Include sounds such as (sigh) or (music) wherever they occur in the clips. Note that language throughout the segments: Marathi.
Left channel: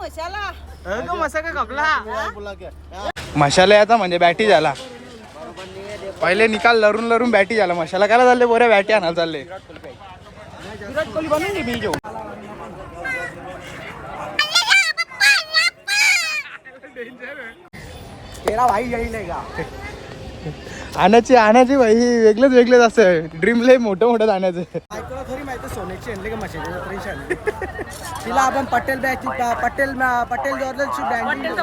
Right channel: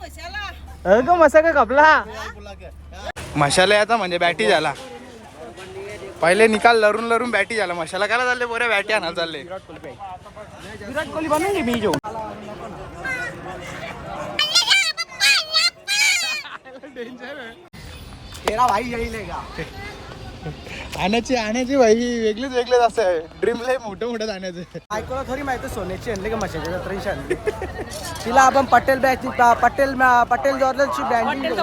मशाला. अगं मसा का कपला मशाला आता म्हणजे बॅटी झाला. पहिले निकाल लरून लरून बॅटी झाला. मशाला काय चालले? बऱ्या बॅटी आणायला चालले. तेरा भाई यही लेगा आणायची आणायची भाई वेगळंच वेगळंच असं. ड्रीम लय मोठं मोठं आणायचं. बायकोला थोडी माहिती सोन्याची आणली का मशाच्या जत्रेची आणली. तिला आपण पटेल बॅच पटेल पटेल जॉर्डनची ब्रँडिंग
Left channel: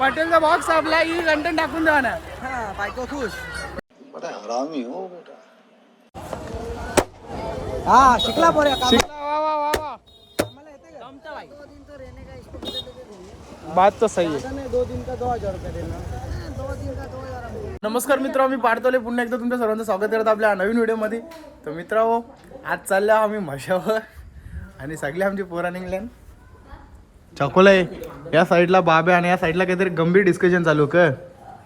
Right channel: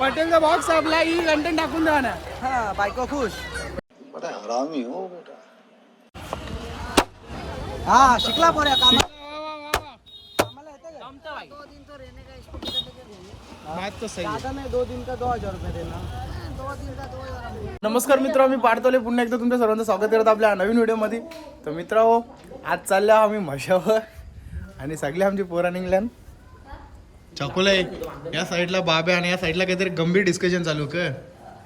पटेलचा बॉक्स आपला ही लंडन टाकून द्या ना हा बायको खुश. हा शिकला पोऱ्या काम बात तर सही नहीं दो दिन का दो हजार रुपये देना नमस्कार मित्र मी पाडतोले. पुन्हा एकदा तुमच्या सर्वांचं स्वागत करत आपल्या नवीन व्हिडिओमध्ये. तर मित्र आज चालल्या आम्ही म्हशावर आणि सगळे आमची पोरा निघल्यान. चकोलाय या साईडला बाब्या आणि या साईडला काहीतरी गंभीर डिस्कशन चालू कर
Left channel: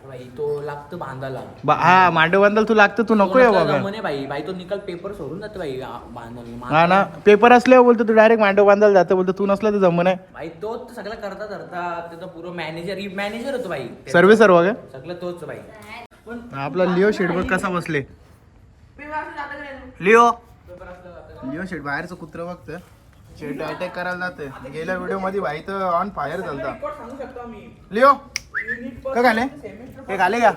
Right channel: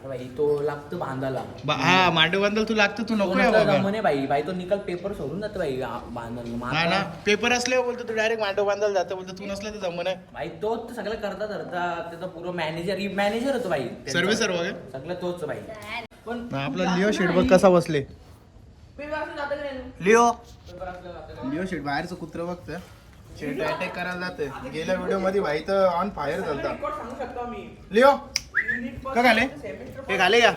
भाई तो लागतो बांधायला बा- हा मांडव बांधल तू लागतं तू नको या बाबा. म्हणे भाई. भाई तो निकाल पेपर सोडून जातो भाई आ- बांधायला हा ना पेपर असल्यावर बोलतो तू डायरेक्ट मांडव बांधायला जातं बोलतो तू नसलं तर जमून आहे भाई तो तो सगळं करता करता त्याचा पूर्ण मॅनेजर मॅनेजर होतो भाई. सर्वे सर्व का? सगळं तोच भाई. आपला लिओ शेड बघ कसा बसले. लिओ. लिओ शेड बाहेरचं कुत्र बघतं. शेड अटॅक करायला जातं गेल्या व्हिडिओमध्ये भाई तर ऑन फायर झालता. लिओ. का घाले? हे घाले का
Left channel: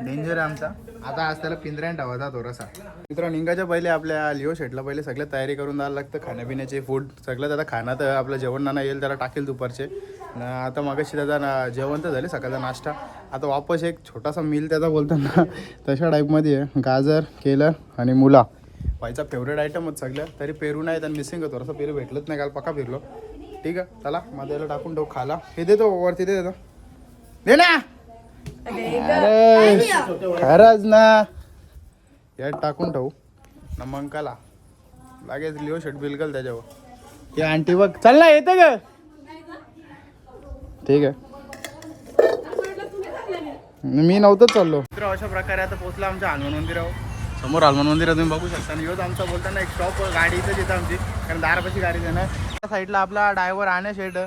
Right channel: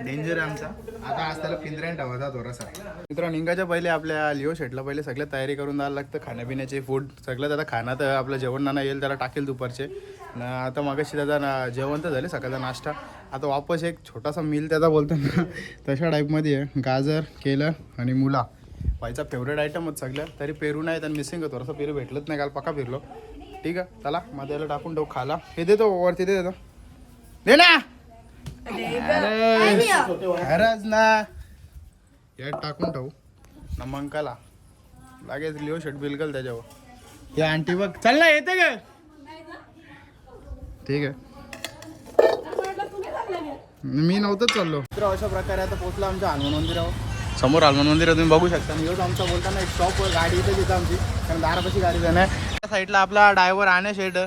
डेंजर आहे आमचा. आता आज त्याला पिंजऱ्यान ठेवायचा थोडासा. मित्रांनो निघायच्या पहिले आपल्या लिओ शेटला पहिले सगळं तयारी करून द्यायला लागतं खाण्यापिण्याचे फूड सगळं आता खाण्यात आपलं जेवण नाना येईल त्याला टाकेल दुपारचे. न आता मगाशी त्याचा ना जेवण तर झाले सकाळचा नाश्ता. आता वापस एक छोटासा मील त्याचा बोलताना तशा टाईपमध्ये आहे. गाजर केलं आणि मुला. व्हायचा फेवरेट आयटमच सगळ्या तरी पेरू नाही तर मिसिंग आहे. थोडासा पेरू भेटलंच नाही काल पक्का फिरलो. ठीक आहे चला मग त्याला टाकून ठेवू खाला हे देतो वरती दे देतो दे ना. अरे. खरंच ना. यात टाकून ठेवू. ना मंकाला लागेल लिओ शर्ट बिलकल त्याच्यावर. या आंटी बघ. चल ना येते का ठीक आहे. मी नव्हतं चाललो. मित्र अशा प्रकारे आता पोहोचला आमच्या हनुमान मंदिरावर. समोर हनुमान मंदिर तुम्ही बघू शकता. आणि ह्योच आमचा बोलताना एक शॉप गाडी इथंच येतं आमची. कारण दारापाशी गाडी जाणे. त्या साईडला आपला ड्रायव्हर आण्या शेट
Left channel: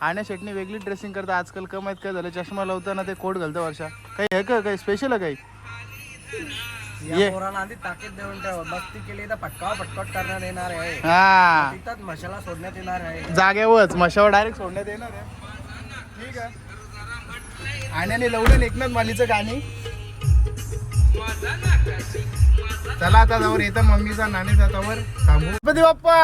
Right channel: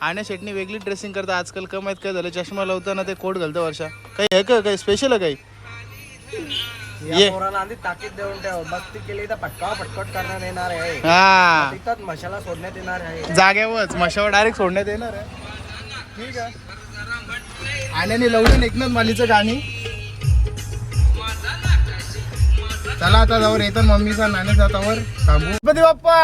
आण्या शेटनी वेगळी ड्रेसिंग करतं आजकाल कमाईत काय झालं? चष्मा लावताना ते कोट घालतं वर्षा. काही आहे का? काही स्पेशल आहे काही? ये पोराला आधी ताकीद देऊन ठेव. बस्ती केली तर पटकाव पटकट करण्यात येणार आहे. हा. तिथंच मशाला सोडण्यात येणार आहे. जाग्यावरच मशावर डायरेक्ट सोडण्यात येणार आहे. ठीक आहे. आण्याने लवडून एकनाथ मालीचं गाणी. चला आता जावर येतो मम्मीचा नाणे जातावर. थांबू. गणपती बाप्पा!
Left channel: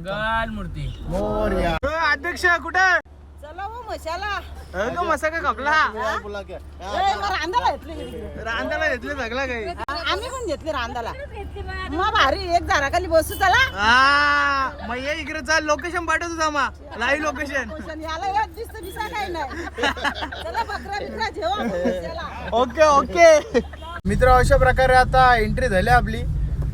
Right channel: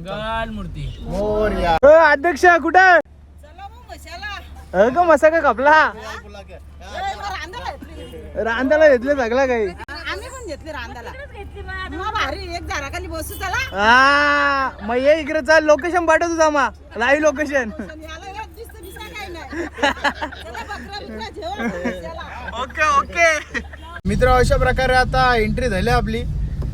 मंगल मूर्ती. मोरया. अध्यक्ष कुठं? चला हो मशाला अगं मसा का कपला रांदाला घेतली रांधाला घेतले सगळं काही. आम्ही पण घेतली रांदाला मग भारी एक झाडाखाली बसू चला. हा मग ये इकडे चाल लोकेशन पाठव तुझा मा लाईव्ह लोकेशन पण याला एक दिसतं दिसा काही नाही. चला बकरा बिकरा जेवा आपण मशाला. Okay okay. मित्र अशा प्रकारे आता एंट्री झाली आपली.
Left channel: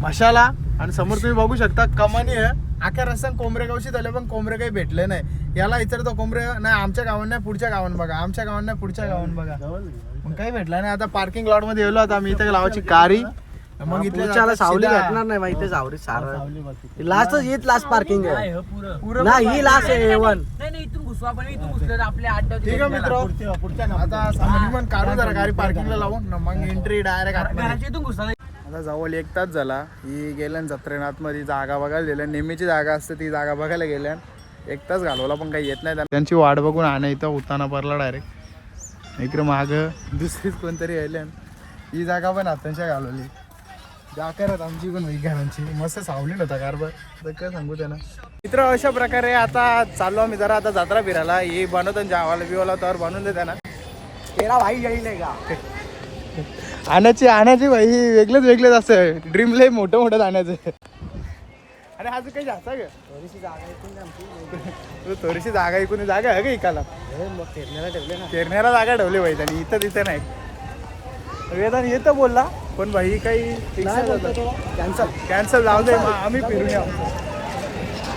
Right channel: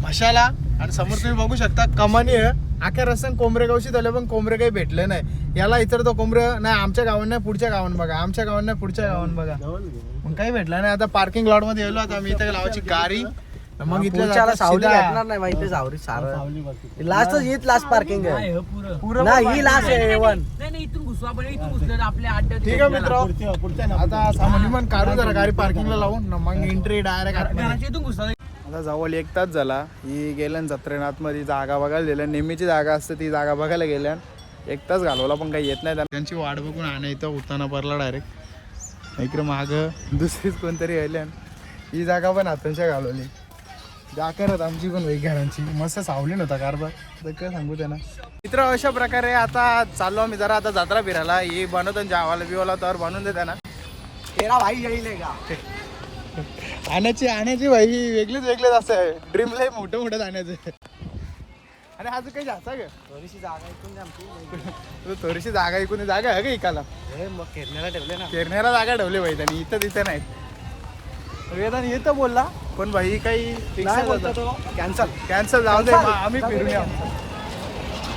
मशाला आणि समोर तुम्ही बघू शकता कमानी आहे. आख्या रस्त्यान कोंबरे गावशी झाले पण कोंबरे काही भेटले नाही. याला इतर तो कोंबरे नाही आमच्या गावात नाही पुढच्या गावात बघा. आमच्या गावात नाही पुढच्या गावात बघा. मग काही भेटलं नाही. आता पार्किंग लॉटमध्ये गेलो आता आम्ही इथे लावायची कारी. मग इथल्या सावली नाही माहिती सावरी लास्ट हीच लास्ट पार्किंग आहे. ही लास्ट आहे. एवन घुसू ठीक. आहे मित्र. आता काढू जरा गाडी पार्किंगला लावून. मग एंट्री डायरेक्ट इथून घुसला आता जवळ एक तास झाला. ही गेल्यान जत्रेनाथमध्ये जागा बघायला गेल्या नेहमीची जागा असते ती जागा बघायला गेल्यान एक तास घालवला पण काही येत नाही. त्यांची वाट बघून आणा इथं उताना परला डायरेक्ट इकडे माग दुसरीच कोणतरी यायल्यान ही जागा पण हातांच्या घालवली. जाकरत आमची पण वही मस्त सावली नव्हता कारभार. तर काय सांगू त्यांना. मित्र अशा प्रकारे आता चाललो आम्ही जरा आता जत्रा फिरायला. हे बनवतो जावाला बिवाला तर बनवून दे त्यांना तेरा भाई यही का? आणायची आणायची भाई वेगळंच वेगळंच असतं ड्रीम लय मोठं मोठं आणायचं. अरे आज काही जाता ग. थोडीशी जागा आमची. तू थोडीशी जागा इकून जागा आहे का इकाला. हे मग ठेवले ना. केरण्याला जागा ठेवली भाई त्यांनी इथं तिथं नाही. वेदान येतं बोलला पण भाई काही कॅन्सल कॅन्सल जाऊ दे आम्ही फिरून येऊ.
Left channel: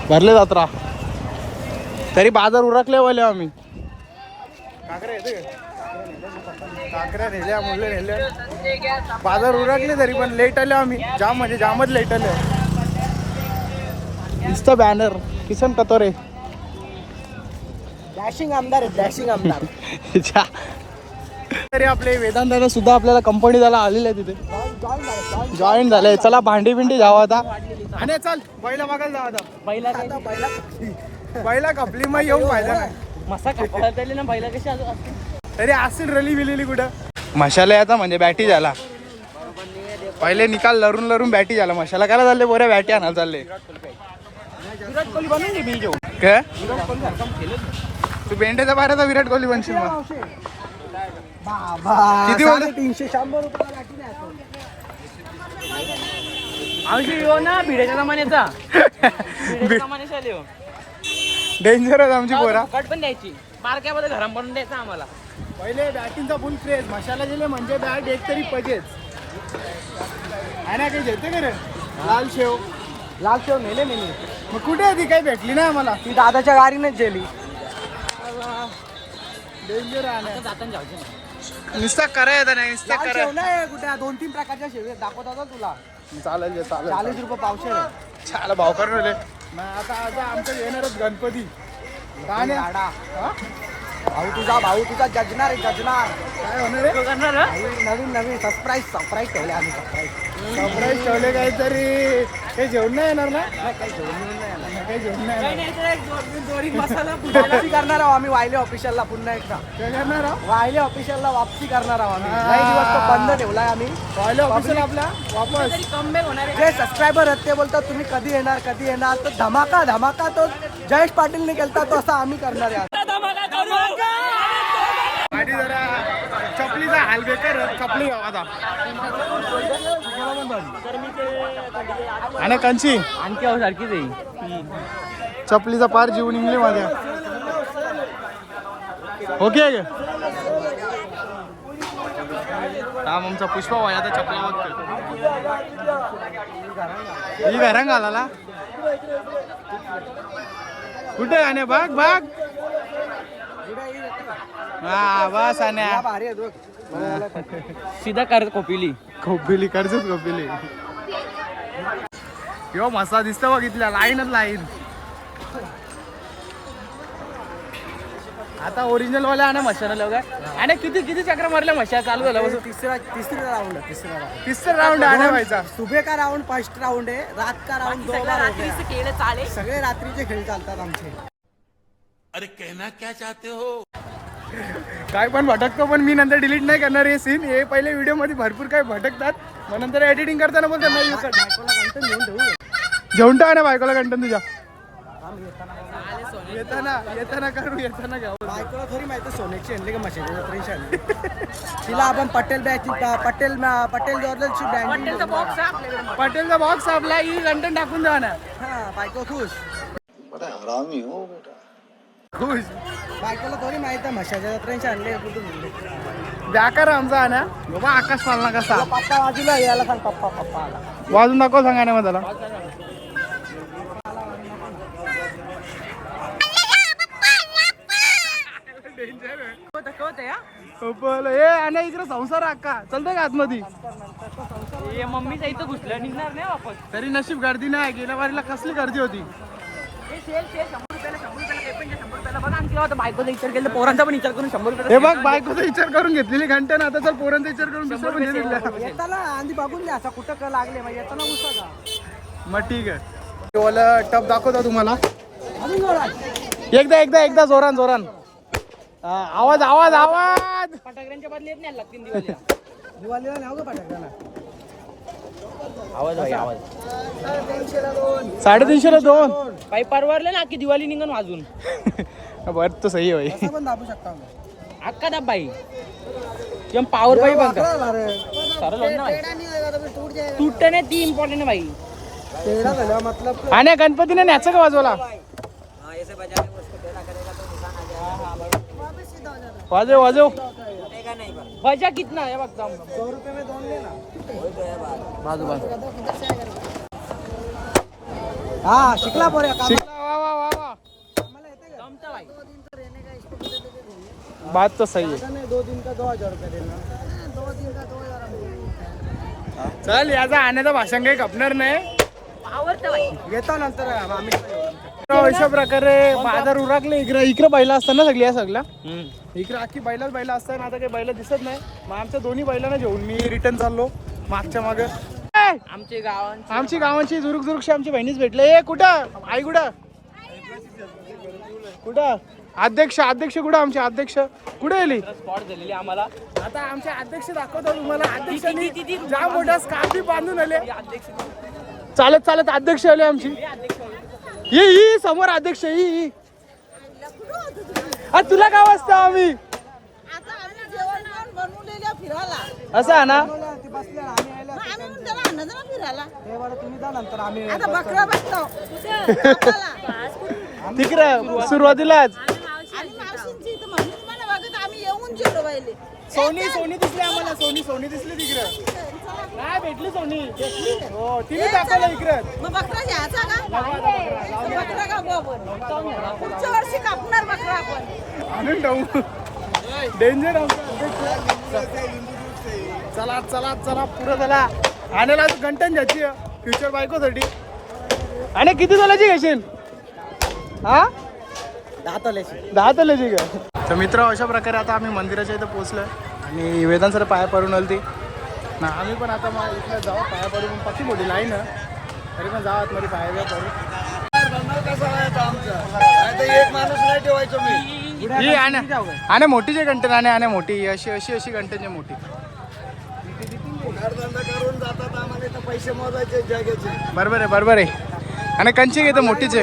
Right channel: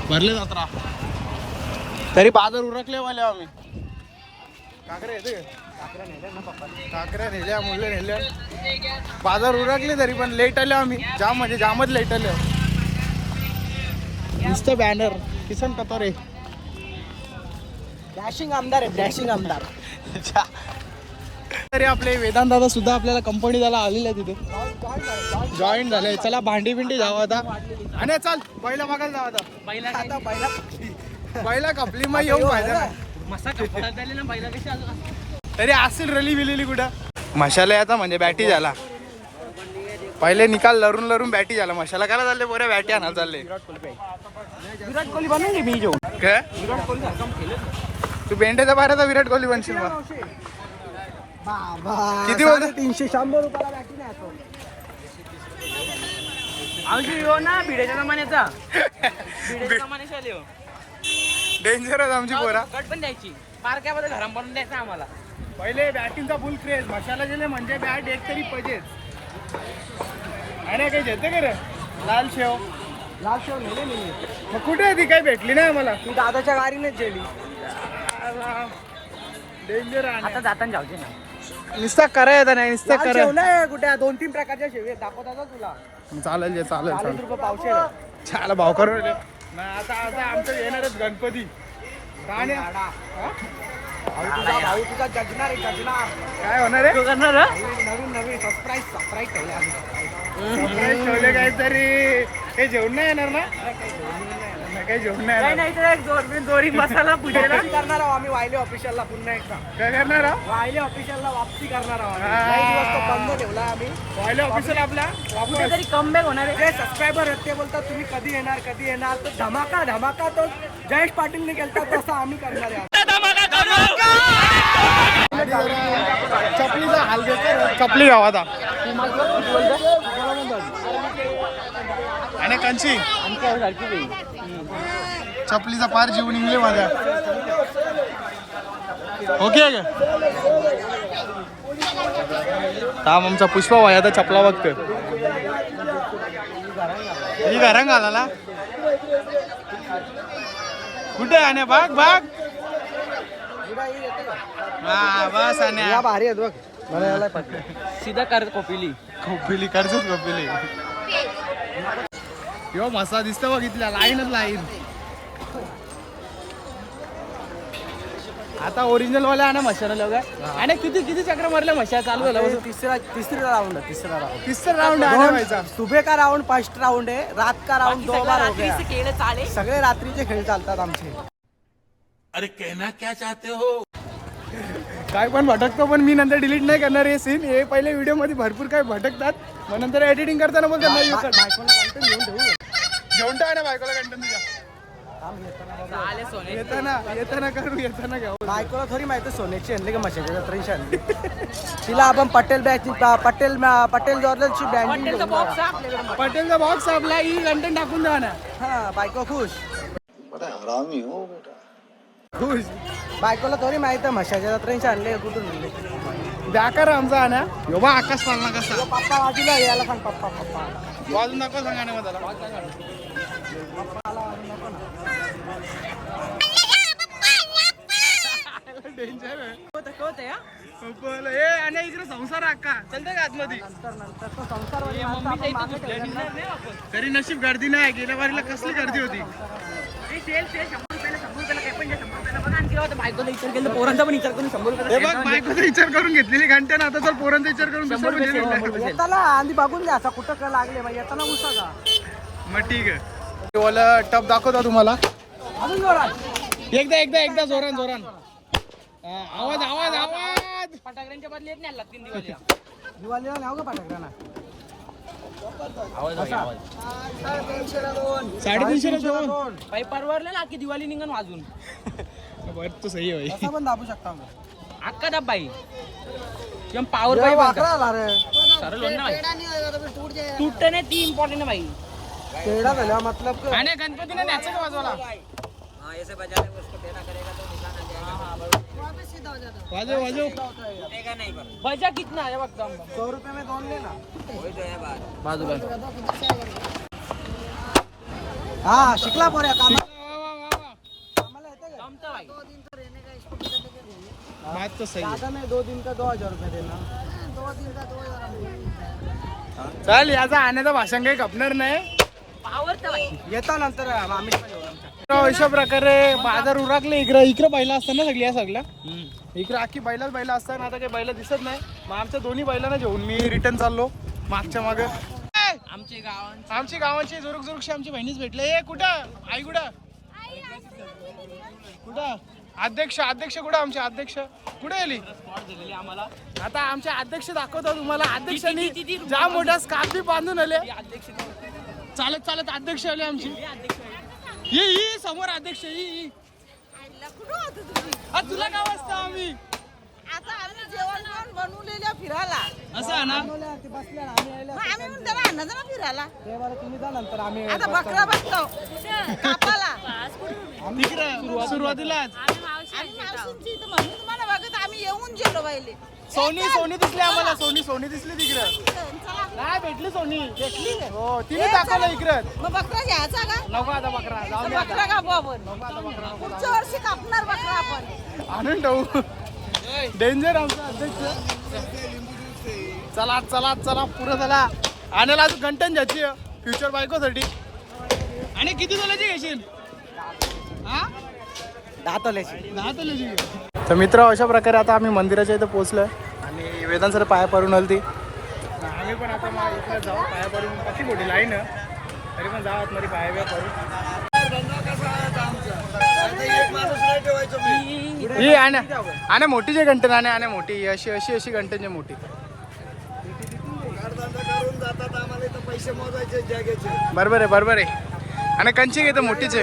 भरले जात्रा. तरी बाजार उरकले वाले आम्ही. काकऱ्या येते का? काकऱ्या नेल्या मुले नेल्या. बाजार उरकले तरी पण लेट आले आम्ही. जाम म्हणजे जामच लेट आले. नुसतं बॅनर किसन कतोरे. डॅशिंग आमदार आहेत डॅशिंग आमदार. तरी आपले वेदांत दादा सुद्धा आपल्याला कंपनी झाला आलेले आहे तिथे जॉईन झाले. चला भांडी बिंडी जावं आता. आणि चल बैला बघायला जावं आता. बैला काय? बैला कपली मग येऊन फायदा मसा कपडा ना बैला कशी असते तरी असतील रली बिलेली कुठं? मशाला आता म्हणजे बॅटी झाला. पहिले निकाल लरून लरून बॅटी झाला. मशाला काय चालले बोऱ्या बॅटी आणायला चालले. विराट कोहली मी घेऊन? काय? विराट कोहली सारखं तू बेंड्याचा बाराचा विराट कोहली बनशील मग. बाबा किती बोलले? तीनशे शंभर रुपयाला बॅटी नाही येऊ ना भिड्याच्या जमान्याचा. (laughs) हो. डेंजरच आमची पोरा. फुकट पण द्यायची. बारक्यामध्ये द्यायचं आम्हाला. पहिले बॅटिंगचा फुल क्रेज मशाला गेले म्हणजे बॅट एक तरी पजेच. आणि काही घेते का रे? लाल शेव. लाल शेव नेले नाही मी. मग कुठे आहे ती? काही भेटली नाही आम्हाला. ती दादाच्या गाडीनेच गेली. डेंजर आहे जाताना जाऊचे नुसता करा येतं नाही नुसतं करा नाही कुठे? दोन तीन प्रकारच्या शेव आहेत. दाखवतात तुला. चालेल चाळीस रुपये नाही आता आता आमचं येणारच गणपती. काय भाऊ तुझा भाऊ तुझा जजनार आहे जजनार काय होणार आहे? नवीन नवीन सरप्राईज सरप्राईज ठेवले आम्ही सरप्राईज सरप्राईज ठेवले काहीतरी. काही जेवण नाही येणार ना? नाही काही येऊन नाही आला. नाही, काही जेवण नाही येणार. नाही तर दोन दोरी मसाला (laughs) पूजेला. वापसी करणार आहोत आम्ही? वायले ऑफिशियलला पुन्हा एकदा. काय करणार आहो? वायले ऑफिशियलला वापसी करणार आहोत आम्ही. हा. लई दिवस तर बंद ठेवलाय आम्ही. पहिले ऑफिसर आपला? वापस. तरी कमबॅक होणार आहे. जे सबस्क्रायबर आहेत ते बोलतात तुम्ही कधी येणार कधी येणार? तर धमाका धमाका तो जयेश पाटीलने केलता तसा आम्ही करणार आहे. आणि जरा चपलीचा हाल बेकार चपली गावात आणि कंची चपलीचा पार जीव निघले माझ्या. ओके ग आमचा पुष्पा वाया आता चपला बघतोय. ही घरां आला कुठे आणि बाग बाग हा बस आण्या हा, भारी आहेत बघ. सीधा कर कोपिली. खोपिली कर्जच खोपिली यो मसा दिसतो बघ इथल्या लाईनच लाईन. आता ओरिजिनल वाले आहे ना मशाला लोक आणि किती किती चक्र मारल्या मशा चालू झालं हे तिसरा तिसरा राऊंड आहे तिसरा राऊंड तिसरं राऊंड आहे ना व्हायचा सुबह का राउंड फर्स्ट राउंड आहे रात का राउंड दो बार हो गया केलं चाले सगळे रात्रीचे खेळ चालतात आमचे. काय पण भटकतो पण मी नंतर डिलीट नाही करणार हे सीन हे पहिले व्हिडिओमध्ये भरपूर काय भटकतात. मग नंतर एडिटिंग करताना बोलतात नाही घेऊन ठेवू घेऊन टाका ना बायकोला कंटन तुझ्या येताना येताना करू येताना घ्या. बायकोला थोडी माहिती सोन्याची आणली का मशाच्या जत्रेची आणली. तिला आपण पटेल बॅच पटेल पटेल आहे आपल्याकडे. पटेलचा बॉक्स आपला ही कंटेंट टाकून द्या ना हा बायको खुश. खुश बायकोला थोडी माहिती आहे मशाच्या जत्रेची आणले कुठून आणले. व्याकार आमचा ना यो बा आकाश पालना कसा? पप्पा बाजूला यायला सांग पप्पा पप्पा आला. वाजून दाखव सांगा ना मग त्याला. पप्पा आला नको ना डेंजर आहे आणि इकडे संसार अक्का. चलते का आतमध्ये? मम्मी इथं घुसलं निघणार नाही वापस तरी नशीब गर्दी नाही गेल्या वारीला कसली गर्दी होती? हे पण द्या, पोरांचा पण विचार करून शंभर रुपये हे बघ बायकोचा विचार करून घेतलेली घंटे ना आता चल पोरांचा विचार करून दुसरं म्हणजे दिलं येताना आधी बघून घ्या आता कुठं काय लागले मग येताना उसा का मग ठीक आहे. ओला टप दाखवता तुम्हाला. अजून जोरात. एकदा एकदा एकदा जोरान जोरान. आवाज आवाज आवाज. फटाकड्यांच्या बदली येत नाही आला तीन दिवस दिवाळीला न्याव का तीनशेला दोन साडेतीनशेला दोन. काही परवडले ना की दिवाळी निघून वाजून (laughs) तो सही पण दाबू शकता आम्ही. अक्का दाब बाई एकदम पावर बाई वाकरा बनका आला रे सरळ होईल ना भाई। तुटते नाही ती इम्पॉर्टंट आहे भाई। टेढ़ा झाला मतलब आणि गणपतीने न्याचं का वाजवला वाजव वाजव बजा कितना है सौ रुपये में दोन लेना बाजू बाई हा शिकला पोऱ्या काम कामाला का बात तो सही है। नाही दो दिन का दो हजार रुपये देना। दो दिन का दो हजार चल याचा आण्याचं भाषण काही खपणार नाही। येता नंतर आम्ही अशा प्रकारे बाजार उरकले. इकडे इकडे बैला असताना सगळी या सगळ्या. इकडे अख्खी बैलाच बैला असताना आता काही बैला दिसत नाही. मग आमच्या दोन्ही बैलांना घेऊन मी रिटर्न चाललो मागच्या माग. आमचे गावांचे आमची गावांची जुरुक जुरुकशी आमची बहिणीच भेटले. ए कुठं? आई कुठं? कुठं? अध्यक्ष अध्यक्ष कुठं आमचे? अध्यक्ष कुठे गेली? स्पॉट दिलेली आम्हाला आता आमचे अध्यक्ष दाखवतो तुम्हाला. अध्यक्षांनी जाम मोठा स्कार्फी बांधून? आले. चालत चालत अध्यक्ष आले आमची. ही ही समोर अध्यक्ष ही ही आ, तुला काय वाजता आम्ही? आता आम्ही जेवण खाऊन बनवलेल्या फिरायला. असं आहे ना? मग आम्ही म्हणून फिरायला. ते मला तुम्ही जा नंतर आम्ही आता बकरा बसतो. (laughs) तिकडं सुरुवातीलाच सोनी सोनी दिसली आम्हाला सोनी सोनी दिसली तिकडं. चला. नाही भेटली सोनी. हो तिने दाखवलं इकडं. मग बकरा घ्यायचा का? नको आता बकरा जाऊ दे. बकरा कापू आपण. पुढच्या वर्षी कापणार बकरा आपण. आणून डेंजर आमचा अध्यक्ष. चला चला चला पुरं चला. आणला गंटन ज्याची फ्युचर बायकोसाठी. आणि किती तोल्याची घेशील? हा? दहा तोल्याची दहा तोल्याची का? तर मित्र अशा प्रकारे आता आम्ही मंदिराच्या इथं पोहोचलोय आणि वेदांत सर पाया पडून आली ती आम्ही पण आता मग इथलं जाऊ पाया पडून. पक्की मोठी लाईन. तरी पण जाऊ आतमध्ये पाया बिया पडून. एक माणूस नाही ठेवायचो मी ही आणि आणि मोठी जे घंटन आणि आणि मोठी. अशी अशी अशी घंटन मोठी. धंदा करून जातात आम्हाला इथं पैसे मोजायचे जगाचे बरोबर आहे बरोबर आहे. आणि कंची घेतं मोठीच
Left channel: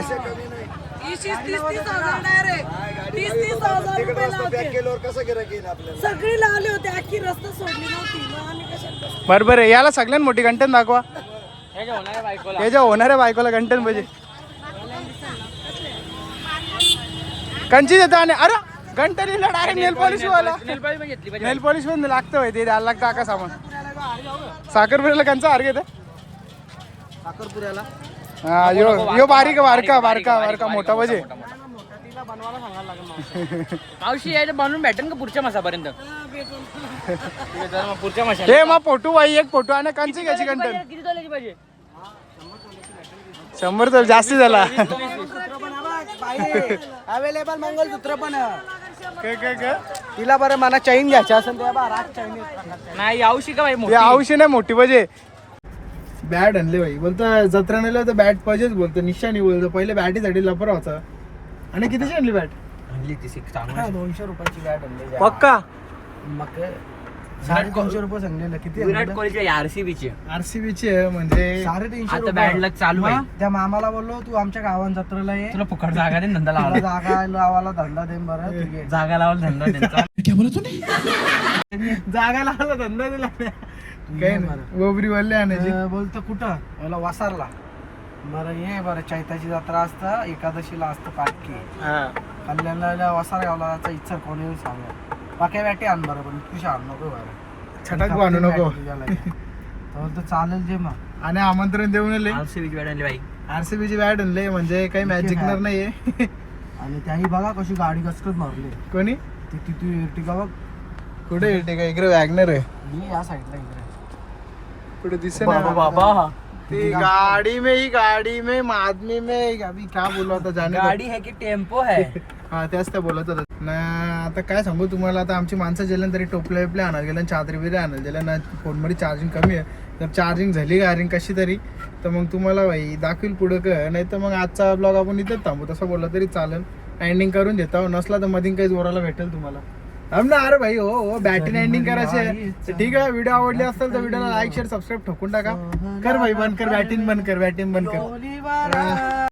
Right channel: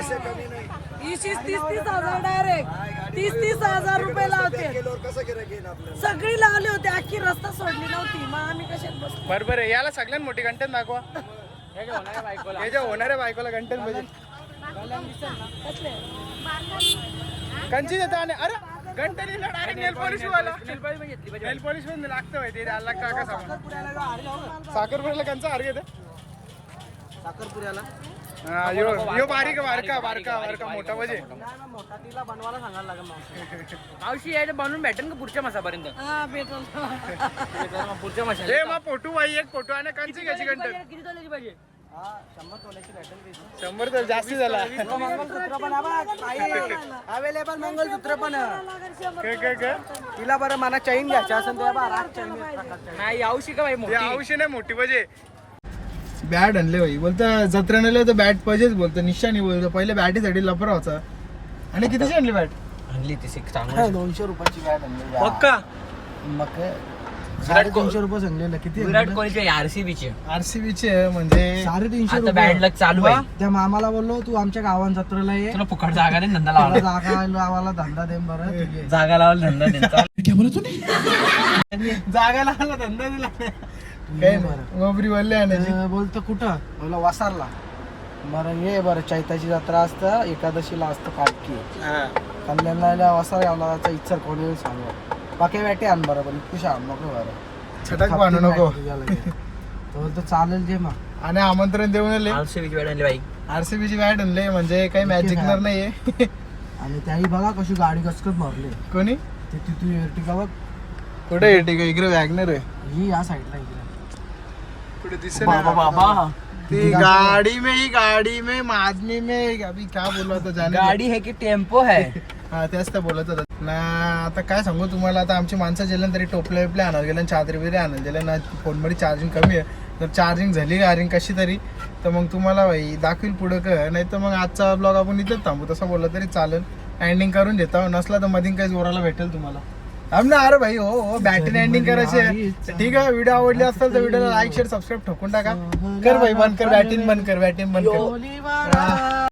आहे तीस तीस हजार डायरेक्ट तीस तीस हजार रुपये लावते केल्यावर कसं गिरायक येईल आपल्याला? सगळी लावली होती अख्खी रस्ता सोडली नव्हती. मग आम्ही कसे बरोबर आहे याला सगळ्यात मोठी घंटन दाखवा. हे काय होणार आहे बायकोला त्याच्या होणाऱ्या बायकोला घंटन पाहिजे कंची देतो आणि अरे डायरेक्ट नेल पॉलिश वाला. नेल पालिश पण लागतं माहिती द्यायला लागतं का सामान साखरपुऱ्याला कंचा हार घेतं. साखरपुऱ्याला हा यो यो बारीक बारका बारका बारका मोठा पाहिजे मोठा तिला बनवायला सांगायला लागेल (laughs) मावशी बनवून भेटेल का पुढच्या मासापर्यंत? (laughs) पुढच्या मासा हे मग फोटो बाई एक फोटो आणि कंची घ्यायची किती तोल्याची पाहिजे? शंभर तर जास्त झाला. (laughs) पण अवेलेबल मंगलसूत्र पण. आहे. काय काय काय तिला बरं मला चैन घ्यायची असेल तर बा राग चैन नाही यावशी का बाई ते मोठी आवशी नाही मोठी पाहिजे बॅट आणले भाई बोलतो जत्रा नेलं तर बॅट पाहिजेच बोलतो. निशाणी बोलतो. पहिले बॅटीसाठी लपर होता आणि कितीची आणली बॅट? आणली ती सिक्स दोनशे रुपयाची बॅट आणली पक्का? मग साडेतीनशे रुपये सांगलेलं किती विराट कोहलीच्या आरसीबी ची. आरसीबीची म्हणजे साडेतीनशे आता बॅड लक चालू आहे. त्या मामाला बोललो तू आमच्या गावात जत्रेला ये. तुला फुकट जागा दे धंदा लावला जागा लावायला धंदा दे बरं ठीक आहे. जागा लावायला धंदा त्यांचा (laughs) (laughs) जागा लावला धंदा दिला. काय नाही. गोबरी वाले आणायची. बोलतो कुठं? बोला वासारला. बरं ये बरं चैताची जत्रा असतं एकादशीला असतं पाटकी कल्याणला वासार गावला जायचं इच्छा कोणी सांगा. पाक्या बॅटे आण बरं पण खुश आण नको बरं. छटाक बांधू नको. तर बोलतो चालेल जे मग. आणि आमंत्रण देऊन आले आरसीबीची बॅट आणली बाई. आरसीबीची बॅट आणले म्हणजे काही मॅच जिंकणार नाहीये. आणि त्याही बघा कशी गाडी कसकत मारली. कोणी? ती तिथे एर्टिका बघ. कुठे येते का इकडे वॅगनर आहे. ही या साईडला इकडे. कुठे दिसत बाबा बाबा ती गाडी में ही गाडी में आदमी में अभी क्या बोललो आता जाणे. गाडी है की टेम्पो है? (laughs) हा तेच तर बोलत होता. ना आता काय सांगू तुम्हाला आता आमची माणसं गेल्या तरी टोपले बिपले आणायला गेल्या चादरी बिदरी आणायला गेल्या ना फोनमध्ये चार्जिंग कमी आहे. जर चार्जिंग झाली गारिंग कशी तरी तर मग तुम्हाला भाई दाखवील पुढं का नाही तर मग आजचा ब्लॉग आपण इथेच थांबू. तसं बोललं तरी चालेल. एंडिंग करून देता नसला तर मधीन काही जोराला भेटेल तुम्हाला. ना अरे भाई हो हो बॅटरी एंडिंग करायची. ठीक आहे व्हिडिओ आवडली असेल तर व्हिडिओला लाईक शेअर सबस्क्राईब ठोकून टाका. कर भाई बंद कर बॅटिंग बंद कर बॅटिंग बंद कर.